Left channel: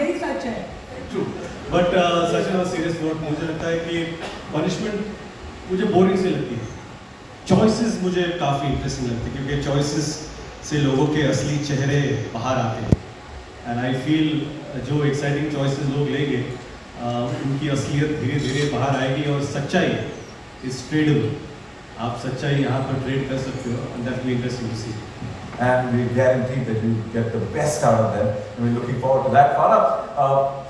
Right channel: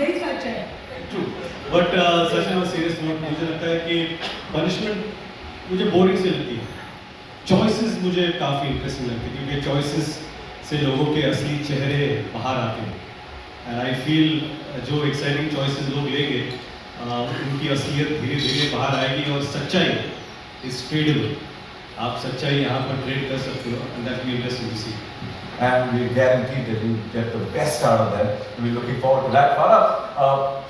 यही सच है। True, but सच में सीरियस नोट मुझे लगता है कि पनिशमेंट मुझे बोरिंग सी लगती है। चॉइसेस मुझे काफ़ी इंटरेस्टिंग लगती है क्योंकि चॉइसेस से लोगों के असली चेहरे बाहर आते हैं एंड आई फील जो एक्साइटिंग चॉइसेस लोग लेंगे उनकी असलियत धीरे धीरे बाहर आएगी और सच्चाई इज ट्रेडेबल। आप सच्चाई यहाँ पर ट्रेड कर सकते हो and that be interesting to see. And we guarantee that you get the best out of that. We're looking forward to that. Farah,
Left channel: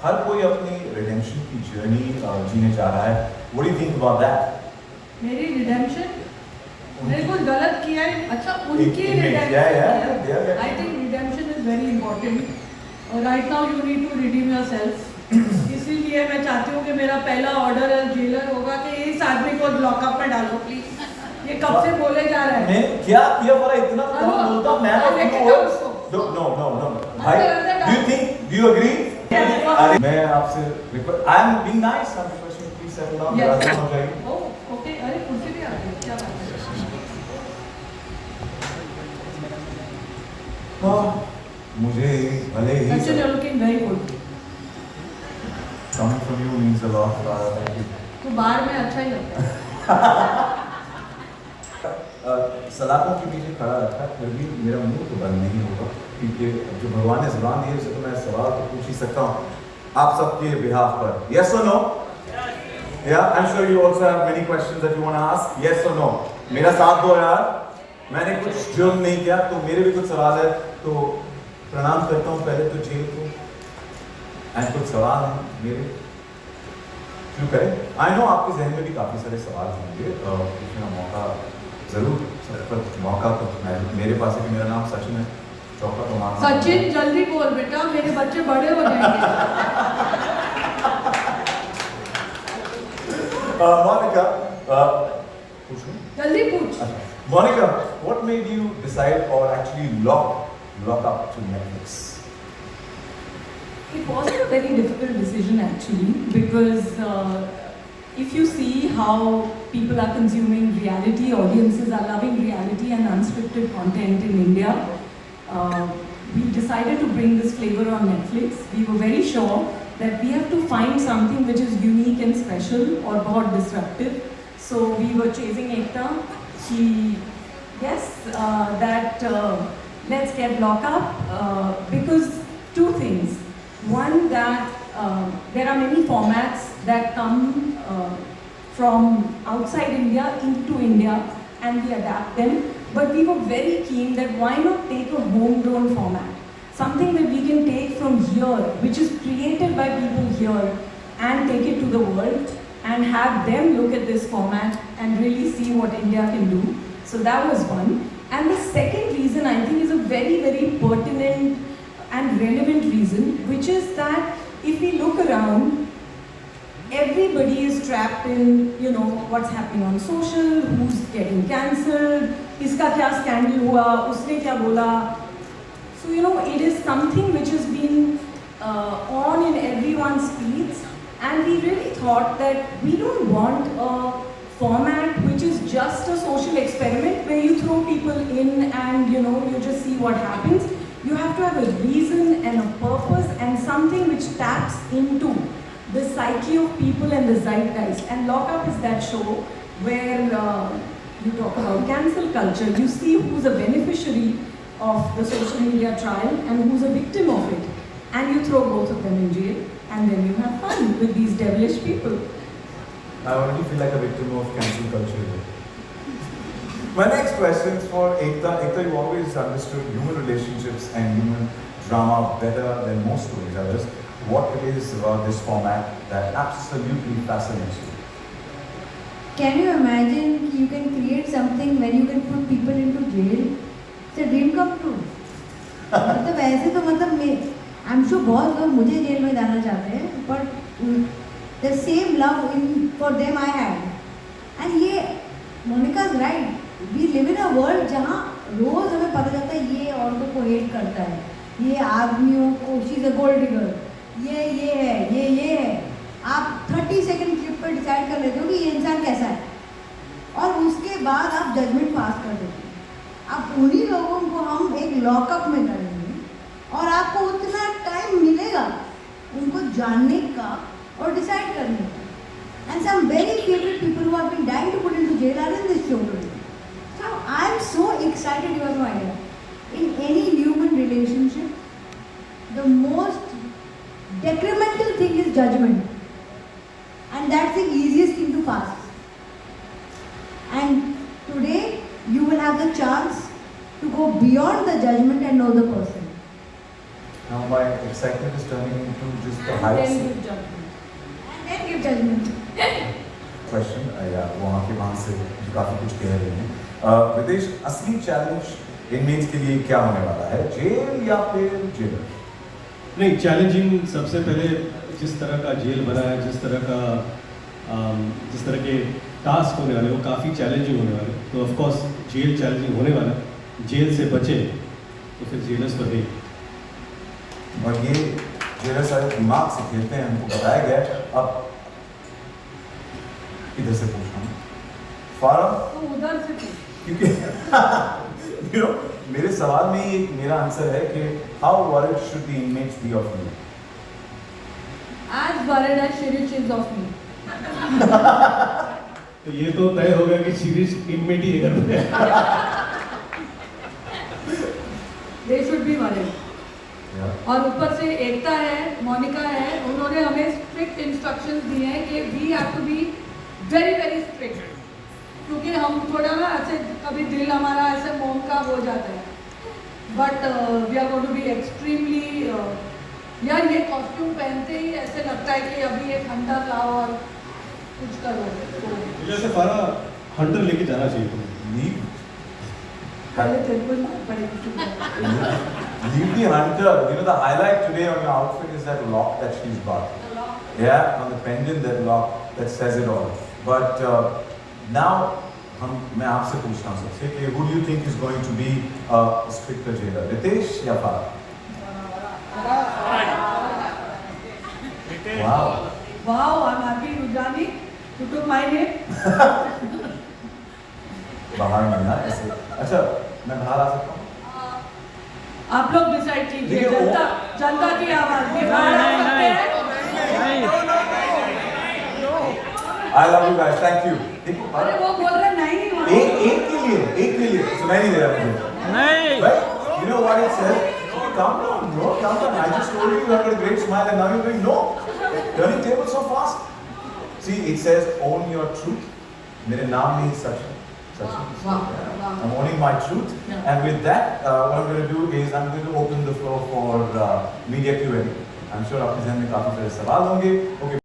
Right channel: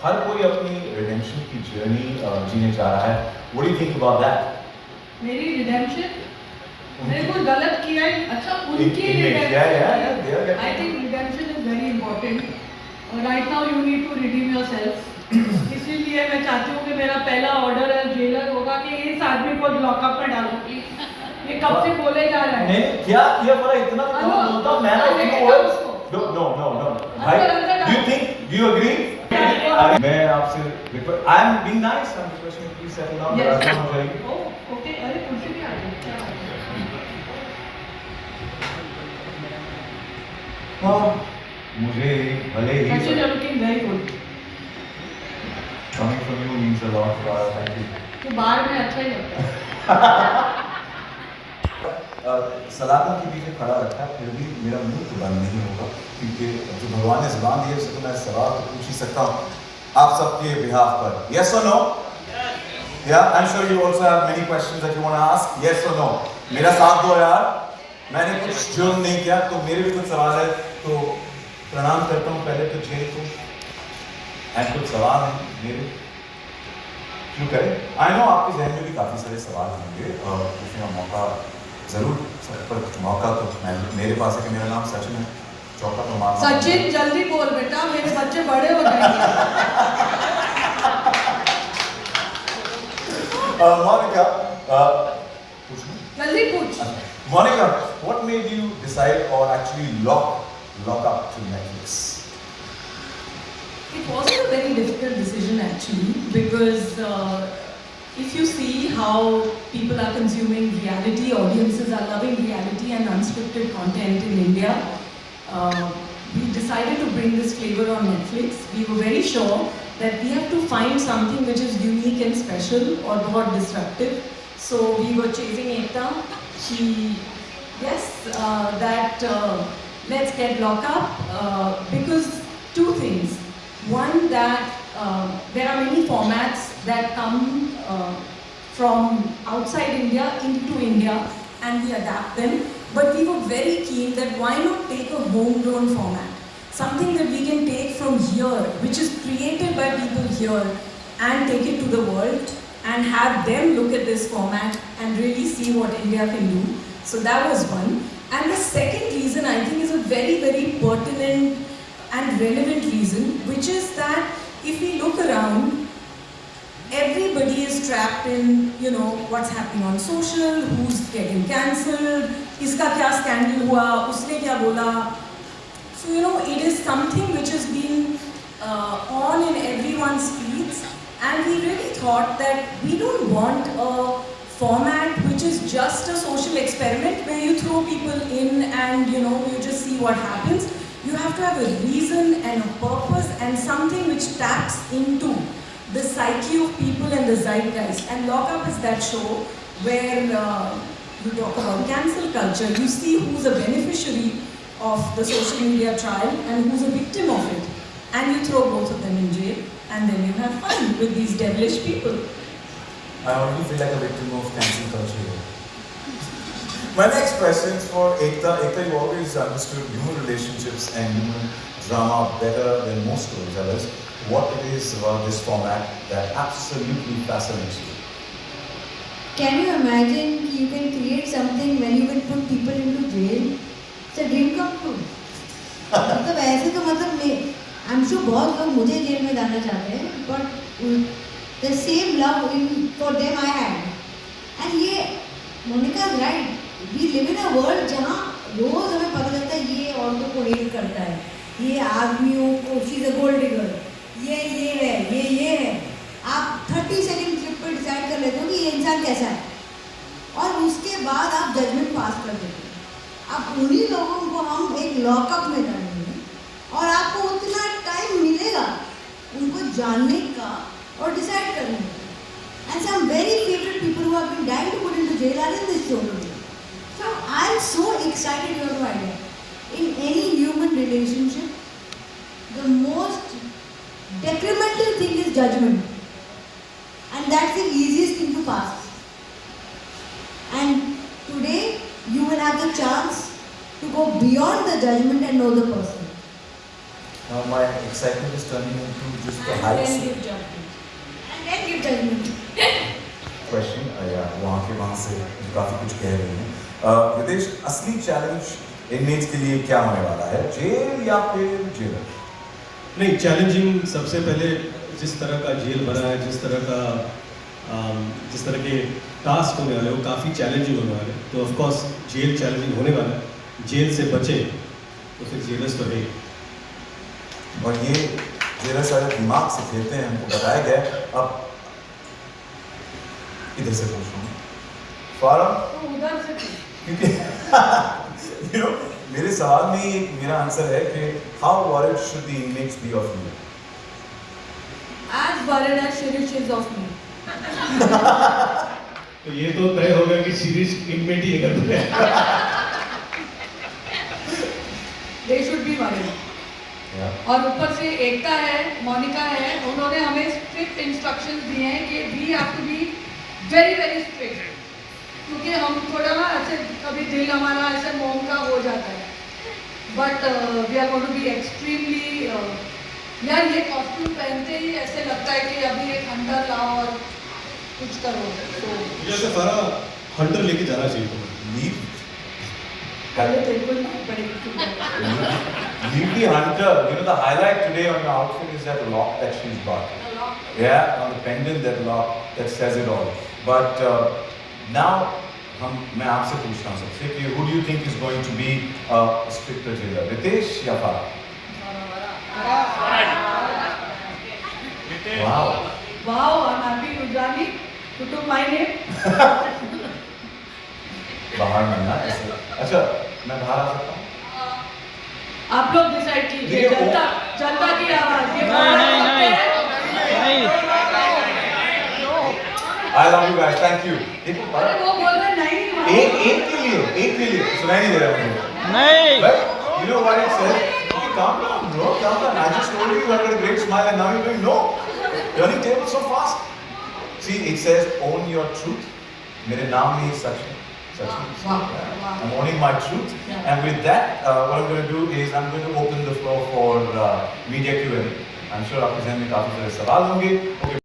हर कोई अपनी redemption की journey जीने जा रहा है. What do you think about that? मेरी redemption, मैंने कुछ गलत किया है, अच्छा उनकी Yeah. I think redemption is very important. Right now you need to redeem yourself. इसीलिए मैं चाहती हूँ कि मेरा पहला ऑर्डर जेलर होगा कि इस आदमी को लॉकअप में डालो प्लीज। ये कब से बोले जा रहे हैं? नहीं क्या किया पता इतना कौन बोलता मैं No. भाई do you agree? अरे मैं आपसे I'm being nice. I'm requesting you please settle down. Yes. हो जाएगी. Oh, okay. अरे कुर्सी भी आ गई, क्या बात है? तो मुझे भले ही Actually, you're looking very good. coming from you means a lot. Thank you. तो बाहर में अच्छा ही होता है। सलाखों के पीछे खड़ा रखा है फिर भी मेरा मुंह तो बंद नहीं होगा क्योंकि जो भगवान ने ज़बान दी है उससे तो मैं सवाल तो पूछ ही सकता हूँ आप सबके बिहाफ पर। Yes or no? Yeah, I'm sure you also have many questions that you want to ask. Yes or no? मेरा साथ दो यार, मैंने कुछ जुर्म नहीं किया तो मेरे भी कुछ सवाल है तो प्रणाम करता हूँ पहले तो जेल को एंड कुछ सवाल हैं मेरे क्यों करें। आई नो आपके जहन में भी काफ़ी सारे सवाल होंगे और पूछने मौका जरूर पर मौका तो मेरे पास है कि मेरा नाम सचिन है चौका तो नाम सचिन जल्दी बोल बेटा, मेरे बच्चे बड़े हो जाएंगे। Monica, जल्दी पूछ। Monica, what made you decide or actually lock up to Netflix? It wasn't a very difficult decision actually because if you see how people are consuming reality, audiences are loving reality and unscripted content in India, we decided to bring this flavor on Netflix. We were very sure that we have to find something which is unique and special or बहुत disruptive. So we were chasing Ekta. She, yes, that let's get Lock Up because two things. One, that there are many formats that come from outside India into India and we adapt them. But we were very keen that why not take a homegrown format? Something that we can take from here, which is created by people here and take it to the world and have them look at this format and really see what India can do. So that was one. And the second reason I think is a very, very pertinent and relevant reason, which is that if we look around, everybody is trapped in, you know, what's happening on social, who's getting cancelled, iska kya scandal hua, usne kya bola. So, you know, it is something which has been on in everyone's feeds, and we really thought that we don't want a format which is just a social experiment where you throw people in and, you know, you just see what happens. You have to have a reason and a purpose and something which taps into the psyche of people and the zeitgeist. And Lock Up is that show where you talk about cancel culture. You see who's a beneficiary of the social media trial and who's a victim of it. And you throw both of them in jail and then you have fun with these devilish people. I already feel like a victim of cancel culture. My next question is for Ekta. Ekta, you always understood human relationships and human drama better than most storytellers. What it is about this format that absolutely fascinates you? Can you imagine you can create something when you can put people into jail? It's a dream come true. मतलब ऐसे तो मतलब I'm sure बहुत लोग मुझे jail में डालना चाहते हैं, but the same love for them I had. And ये Monica is right. We live in a world जहाँ रोज हमें पता चलता है ये औरतों को हेट करता है, ये आदमियों को she's a gold digger, ये है, ये है. आप 30 सेकंड क्लिप पर डिसाइड कर लेते हो कि ये इंसान कैसा है और उसके बाद आप जजमेंट पास कर देते हो. अब उन्हीं लोगों को हम एक लॉकअप में डालेंगे और आपको उतना टाइम मिलेगा जानने का और डिसाइड करने का. And some very favorite people who have been dying to put into jail are in this show today. So I am so excited you have no idea. In any human relationship, the most detrimental thing is judgment. And that's the easiest thing to pass. And today you will have the chance to go beyond the judgment and know the person. Now my excitement is turning into just the And heights. then give judgment. And then give judgment. Question वहाँ से काफ़ी कुछ कह रहे हैं विदेश असली challenge inmates के लिए क्या होने वाला है, जेल या फिर जेल? नहीं, चैलेंजिंग सबसे पहले जिस तरह का जेल भरा है, जिस तरह के टास्क होने वाले वो काफ़ी चैलेंजिंग होने वाले, तो ऑफ कोर्स जेल चैलेंजिंग होने वाला है. जेल से बचे तो फिर जेलर्स तो है. और ये जेलर सारे दिमाग से खेलते हैं, हमको बताया गया. अब इधर से पूछना फारम, तो उधर से पूछ. क्योंकि मेरे सवाल में ही मेरा आंसर है कि how worried should the inmates be of you? As worried as Shirish is of me. तो ये तो तय होगा कि सीरीज इनमेट ही कर रहे. They should be worried. और ऊपर से एकता है, मोनिका है, उन्होंने हमें स्ट्रिक्ट इंस्ट्रक्शंस दिए हैं कि we have to be very very strict, क्योंकि हम थोड़ा ना ऐसे कभी दिल हमारा ऐसे मोम का हो जाता है. But we are going to be extremely. यार ये कॉस्ट्यूम पहनते ही ऐसे लगता है कि अभी एक हंटर लाओ और कुछ करो. मुझे ऐसा सारा हंटर लेके जाना चाहिए तुम्हें. लीव पहले तेरे को ना पड़ेगी. Leave the hunter. You know the highlight today on your outfit is that lock that she's got. Yeah, on the pendant, that lock that says it all. But now, मैं आपसे पूछना हूँ सबसे कि who do you think is going to be a stricter jailer, Ritesh या Farah? Wow. Wow, I'm happy Rujani. You took my name. बाहर नहीं ना ऐसे. अच्छा, मैं बाहर आ सकता हूँ? आप लोग डिसाइड कीजिए. ये वो- जनता की आवाज. ये बाहर आ सकते हैं. I love you guys. Thank you. देखो अरे Farah, वो बोल रहे नहीं. एक के लिए सुनाई नहीं दे रहा है मुझे. नहीं. But you know what it says? Calm down, bro. Calm down. I just told you you had a great smile and now you're doing no. Turning tables so fast. See, it says own your truth. मेरे नाम में ही सच है. सच है. Wow. Yeah. Wow. I'm owning my truth. Yeah. And with that, what I'm going to do is I'm going to open the floor for media Q&A. I'm sure आपके ज़हन में काफी सारे सवाल होंगे. Okay.